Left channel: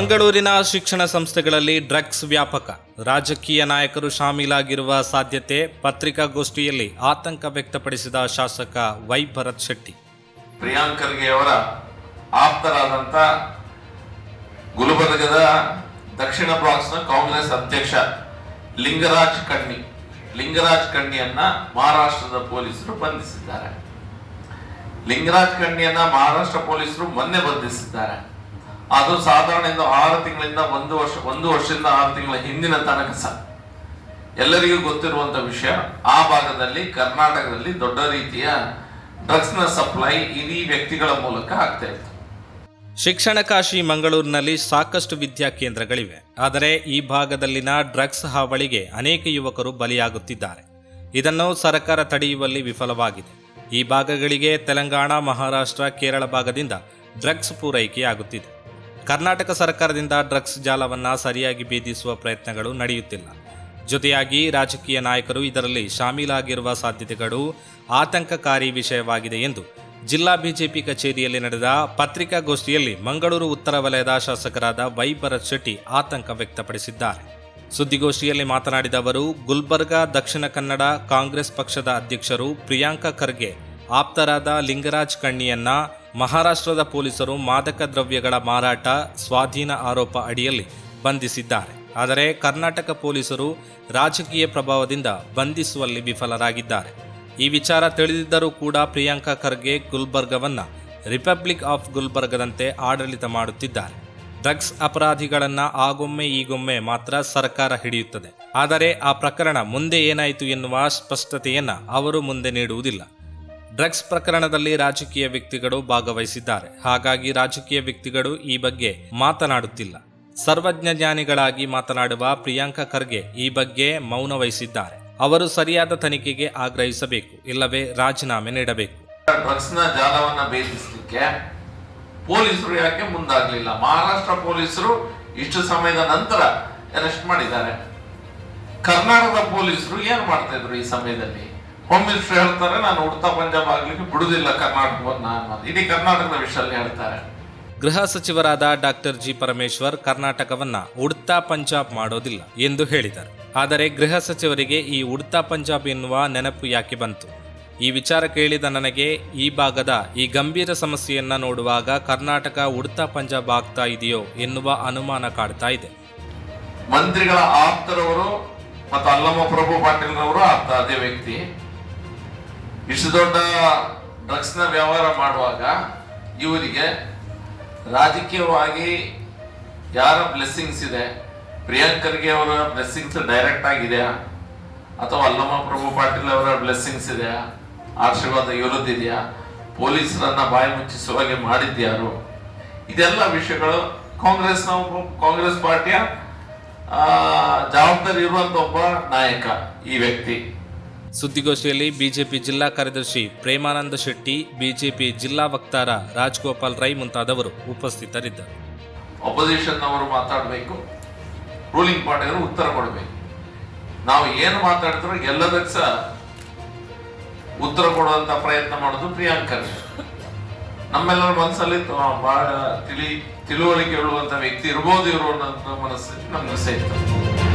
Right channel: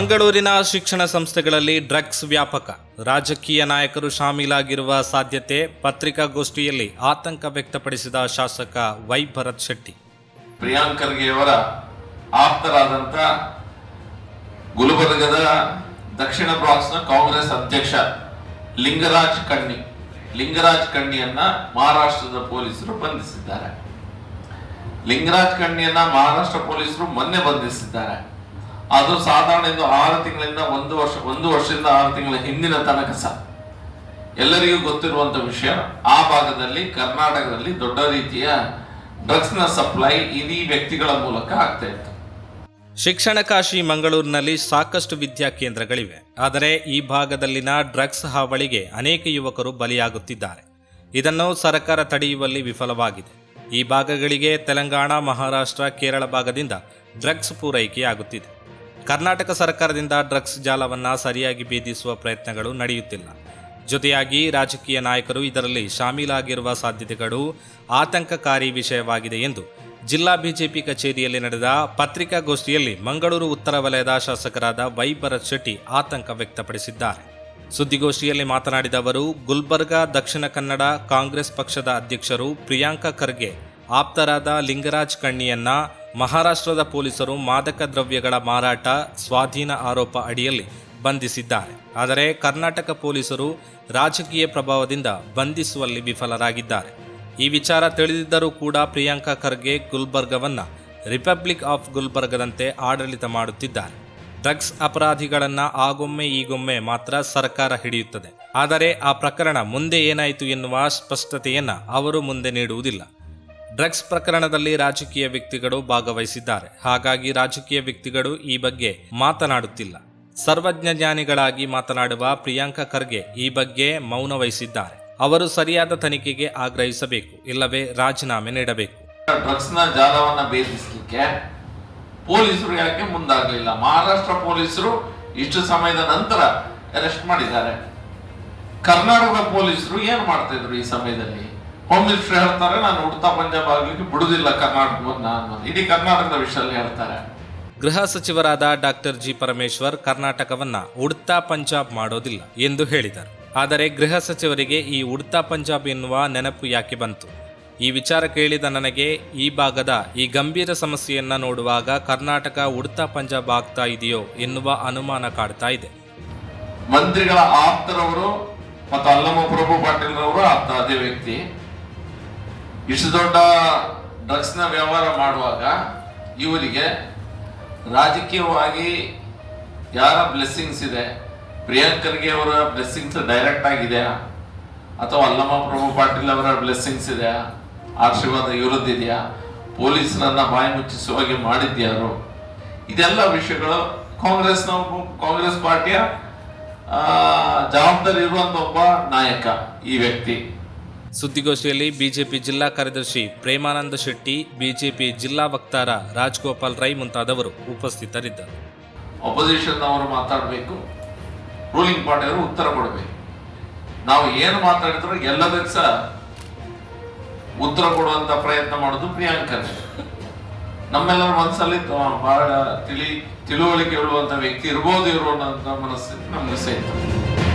ಮಂಗಳೂರಿನ ಶಿಕ್ಷಣ ಸಂಸ್ಥೆಗಳಲ್ಲಿ ಡ್ರಗ್ಸ್ ವ್ಯಾಪಕ. ರಾಜಕೀಯ ನಾಯಕರು ಶಾಮೀಲಾಗಿರುವ ಸಾಧ್ಯತೆ ಪತ್ರಿಕಾಗೋಷ್ಠಿಯಲ್ಲಿ ಆತಂಕ ವ್ಯಕ್ತಪಡಿಸಿದ ಶಾಸಕ ವೈ ಭರತ್ ಶೆಟ್ಟಿ. ಪ್ರಿಯಾಂಕ್ ಖರ್ಗೆ ಅವರ ಆಪ್ತರಾದಂತ ಗುಲ್ಬರ್ಗದ ದಕ್ಷಿಣ ಬ್ಲಾಕ್ಸ್ನ ಕಾಂಗ್ರೆಸ್ ಅಧ್ಯಕ್ಷ ಲಿಂಗರಾಜ್ ಕಣ್ಣಿ. ಲಿಂಗರಾಜ್ ಕಣ್ಣಿಯನ್ನ ಮಹಾರಾಷ್ಟ್ರದ ಪೊಲೀಸರು ಬಂಧಿಸಿದ್ದಾರೆ. ಲಿಂಗರಾಜ್ ಕಣ್ಣಿಯನ್ನ ಮಹಾರಾಷ್ಟ್ರ ಪೊಲೀಸರು ಮೊನ್ನೆ ಬಂಧಿಸಿದ್ದಾರೆ. ಅದು ಸಾಧಾರಣ ಇಂದ ಆರು ತಿಂಗಳಿಂದ ಒಂದು ವರ್ಷ, ಒಂದು ವರ್ಷದಿಂದ ಆರು ತಿಂಗಳ ಹಿಂದಿನ ತನಕ ಸಹ. ಎಲ್ಲರಿಗೂ ಗೊತ್ತಿರುವಂತ ವಿಷಯ, ಆ ಭಾಗದಲ್ಲಿ ಕರ್ನಾಟಕದಲ್ಲಿ ದೊಡ್ಡ ರೀತಿಯ ಡ್ರಗ್ಸ್ನ ಸಪ್ಲೈ ಇಡೀ ವ್ಯಕ್ತಿಗಳ ಮೂಲಕ ಆಗ್ತಾ ಇತ್ತು. ಶಿಕ್ಷಣ ಕಾಶಿ ಮಂಗಳೂರಿನಲ್ಲಿ ಸಾಕಷ್ಟು ವಿದ್ಯಾ ಕೇಂದ್ರಗಳಿವೆ. ಆದರೆ ಈ ಭಾಗದಲ್ಲಿನ ಡ್ರಗ್ಸ್ ಹಾವಳಿಗೆ ಅನೇಕ ಯುವಕರು ಬಲಿಯಾಗುತ್ತಿದ್ದಾರೆ. ಇದನ್ನು ಸರ್ಕಾರ ತಡೆಯುವಲ್ಲಿ ವಿಫಲವಾಗಿದೆ. ಈ ಭಾಗಗಳಿಗೆ ತೆಲಂಗಾಣ, ಮಹಾರಾಷ್ಟ್ರ, ಕೇರಳ ಭಾಗದಿಂದ ಡ್ರಗ್ಸ್ ಪೂರೈಕೆಯಾಗುತ್ತಿದೆ. ಕರ್ನಾಟಕ ಸರ್ಕಾರದಿಂದ ಡ್ರಗ್ಸ್ ಜಾಲವನ್ನು ಸರಿಯಾಗಿ ಭೇದಿಸುವ ಪ್ರಯತ್ನಗಳು ನಡೆಯುತ್ತಿಲ್ಲ. ಜೊತೆಯಾಗಿ ರಾಜಕೀಯ ನಾಯಕರು ಇದರಲ್ಲಿ ಶಾಮೀಲಾಗಿರುವ ಸಾಧ್ಯತೆಗಳು ಆತಂಕಕಾರಿ ವಿಷಯವಾಗಿದೆ ಎಂದು ಜಿಲ್ಲಾ ಬಿಜೆಪಿ ಕಚೇರಿಯಲ್ಲಿ ನಡೆದ ಪತ್ರಿಕಾಗೋಷ್ಠಿಯಲ್ಲಿ ಮಂಗಳೂರು ಉತ್ತರ ವಲಯದ ಶಾಸಕರಾದ ವೈ ಭರತ್ ಶೆಟ್ಟಿ ಆತಂಕ ವ್ಯಕ್ತಪಡಿಸಿದ್ದಾರೆ. ಸುದ್ದಿಗೋಷ್ಠಿಯಲ್ಲಿ ಮಾತನಾಡಿದ ಅವರು, ಗುಲ್ಬರ್ಗಾ, ದಕ್ಷಿಣ ಕನ್ನಡ, ಕಾಂಗ್ರೆಸ್ ಪಕ್ಷದ ಅಧ್ಯಕ್ಷರು ಪ್ರಿಯಾಂಕ ಖರ್ಗೆ ಆಪ್ತರಾದ ಲಿಂಗರಾಜ್ ಕಣ್ಣಿಯನ್ನ ಮಹಾರಾಷ್ಟ್ರದ ಪೊಲೀಸರು ಮಾದಕ ದ್ರವ್ಯಗಳ ಮಾರಾಟ ಸ್ವಾಧೀನ ಆರೋಪ ಅಡಿಯಲ್ಲಿ ಬಂಧಿಸಿದ್ದಾರೆ. ಆದರೆ ಕರ್ನಾಟಕ ಪೊಲೀಸರು ರಾಜಕೀಯ ಪ್ರಭಾವದಿಂದ ಬಂಧಿಸುವಲ್ಲಿ ವಿಫಲರಾಗಿದ್ದಾರೆ. ಈ ವಿಚಾರ ತಿಳಿದಿದ್ದರೂ ಕೂಡ ಪ್ರಿಯಾಂಕಾ ಖರ್ಗೆ ಗುಲ್ಬರ್ಗವನ್ನು ರಿಪಬ್ಲಿಕ್ ಆಫ್ ಗುಲ್ಬರ್ಗದಂತೆ ಆಡಳಿತ ಮಾಡುತ್ತಿದ್ದಾರೆ. ಡ್ರಗ್ಸ್ ಅಪರಾಧಿಗಳನ್ನು ಆಗೊಮ್ಮೆ ಈಗೊಮ್ಮೆ ಮಾತ್ರ ಸರ್ಕಾರ ಹಿಡಿಯುತ್ತದೆ. ಆದರೆ ಆ ಪ್ರಕರಣ ಮುಂದೆ ಏನಾಯಿತು ಎನ್ನುವ ಸ್ಪಷ್ಟತೆಯನ್ನು ಅವರು ಮುಂದೆ ನೀಡುವುದಿಲ್ಲ. ಡ್ರಗ್ಸ್ ಪ್ರಕರಣದಲ್ಲಿ ರಾಜಕೀಯ ವ್ಯಕ್ತಿಗಳು ಭಾಗವಹಿಸಿದ್ದಾರೆ. ಹಾಗಾಗಿ ರಾಜಕೀಯ ವ್ಯಕ್ತಿಗಳು ಈ ಬಗ್ಗೆ ಮಾತನಾಡುತ್ತಿಲ್ಲ. ಸರ್ವಜ್ಞ ಜ್ಞಾನಿಗಳಾಗಿ ಮಾತನಾಡುವ ಪ್ರಿಯಾಂಕಾ ಖರ್ಗೆ ಈ ಬಗ್ಗೆ ಮೌನ ವಹಿಸಿದ್ದಾರೆ ಅವರು ಸರಿಯಾದ ತನಿಖೆಗೆ ಆಗ್ರಹಿಸಬೇಕು, ಇಲ್ಲವೇ ರಾಜೀನಾಮೆ ನೀಡಬೇಕು. ಡ್ರಗ್ಸ್ನ ಜಾಲವನ್ನ ಭೇದಿಸಲಿಕ್ಕೆ ಪೊಲೀಸರು ಯಾಕೆ ಮುಂದಾಗಲಿಲ್ಲ? ಮಹಾರಾಷ್ಟ್ರ ಪೊಲೀಸರು ಇಷ್ಟು ಸಮಯದ ನಂತರ ಅರೆಸ್ಟ್ ಮಾಡಿದ್ದಾರೆ. ಕರ್ನಾಟಕದ ಪೊಲೀಸರು ಏನು ಮಾಡ್ತಾ ಇದ್ರು ಈ ಸಮಯದಲ್ಲಿ? ಹೋಮ್ ಮಿನಿಸ್ಟರ್ ಹೇಳ್ತಾರೆ ನಾನು ಉಡ್ತಾ ಪಂಜಾಬ್ ಆಗ್ಲಿಕ್ಕೆ ಬಿಡುದಿಲ್ಲ ಕರ್ನಾಟಕದ ಅನ್ನೋದು ಇಡೀ ಕರ್ನಾಟಕದ ವಿಷಯದಲ್ಲಿ ಹೇಳ್ತಾರೆ. ಗೃಹ ಸಚಿವರಾದ ಡಾಕ್ಟರ್ ಜಿ ಪರಮೇಶ್ವರ್ ಕರ್ನಾಟಕವನ್ನ ಉಡ್ತಾ ಪಂಜಾಬ್ ಮಾಡೋದಿಲ್ಲ ಎಂದು ಹೇಳಿದರು. ಆದರೆ ಗೃಹ ಸಚಿವರಿಗೆ ಈ ಉಡ್ತಾ ಪಂಜಾಬ್ ಎನ್ನುವ ನೆನಪು ಯಾಕೆ ಬಂತು? ಈ ವಿಚಾರ ಕೇಳಿದ ನನಗೆ ಈ ಭಾಗದ ಈ ಗಂಭೀರ ಸಮಸ್ಯೆಯನ್ನ ನೋಡುವಾಗ ಕರ್ನಾಟಕ ಉಡ್ತಾ ಪಂಜಾಬ್ ಆಗ್ತಾ ಇದೆಯೋ ಎನ್ನುವ ಅನುಮಾನ ಕಾಡ್ತಾ ಇದೆ. ಮಂತ್ರಿಗಳ ಆಪ್ತರವರು ಮತ್ತು ಅಲ್ಲಮ್ಮ ಪ್ರಭು ಪಾಟೀಲ್ ರವರು ಆಪ್ತ ಅದೇ ವ್ಯಕ್ತಿ. ಇಷ್ಟು ದೊಡ್ಡ ಡ್ರಗ್ಸ್ನ ವ್ಯವಹಾರ ಮಾಡುವಾಗ ಇವರಿಗೆ ರಾಜಕೀಯವಾಗಿ ಯಾರ ಬ್ಲೆಸ್ಸಿಂಗ್ಸ್ ಇದೆ? ಪ್ರಿಯಾಂಕ್ ಖರ್ಗೆ ಅವರ ಬ್ಲೆಸ್ಸಿಂಗ್ಸ್ ಡೈರೆಕ್ಟ್ ಆಗಿದೆಯಾ? ಅಥವಾ ಅಲ್ಲಮ್ಮ ಪ್ರಭು ಪಾಟೀಲ್ ಅವರ ಬ್ಲೆಸ್ಸಿಂಗ್ಸ್ ಇದೆಯಾ? ಆಶೀರ್ವಾದ ಇರುತ್ತಿದೆಯಾ ಪೊಲೀಸರನ್ನ ಬಾಯಿ ಮುಚ್ಚಿಸುವ ಹಾಗೆ ಮಾಡಿದ್ಯಾರು ಇದೆಲ್ಲ ವಿಷಯಗಳು ಕಾಂಗ್ರೆಸ್ನ ಕಾಂಗ್ರೆಸ್ ಪಾರ್ಟಿಯ ಜವಾಬ್ದಾರಿ ಇರುವಂತ ಒಬ್ಬ ನಾಯಕ ಈ ವ್ಯಕ್ತಿ. ಸುದ್ದಿಗೋಷ್ಠಿಯಲ್ಲಿ ಬಿಜೆಪಿ ಜಿಲ್ಲಾ ಕಾರ್ಯದರ್ಶಿ ಪ್ರೇಮಾನಂದ ಶೆಟ್ಟಿ, ಬಿಜೆಪಿ ಜಿಲ್ಲಾ ವಕ್ತಾರ ರಾಜ್ಗೋಪಾಲ್ ರೈ ಮುಂತಾದವರು ಉಪಸ್ಥಿತರಿದ್ದರು. ಅಪೋಸಿಷನ್ ಅವರು ಮಾತಾಡಬೇಕು ರೂಲಿಂಗ್ ಪಾರ್ಟಿಯವರು ಉತ್ತರ ಕೊಡಬೇಕು. ನಾವು ಏನು ಮಾತಾಡಿದ್ರು ಎಲ್ಲದಕ್ಕೆ ಸಹ ಉತ್ತರ ಕೊಡುವಂತ ಪ್ರಯತ್ನ ಮಾಡೋದು ಪ್ರಿಯಾಂಕ ನಮ್ಮೆಲ್ಲರ ಮನಸ್ಸಲ್ಲಿ ಬಹಳ ತಿಳಿ, ತಿಳುವಳಿಕೆ ಉಳ್ಳುವಂತ ವ್ಯಕ್ತಿ ಇರ್ಬೋದು ಇವರು ಮನಸ್ಸಿಗೆ ಮನಸ್ಸು ನಮ್ಗೆ ಸೇರ್ತದೆ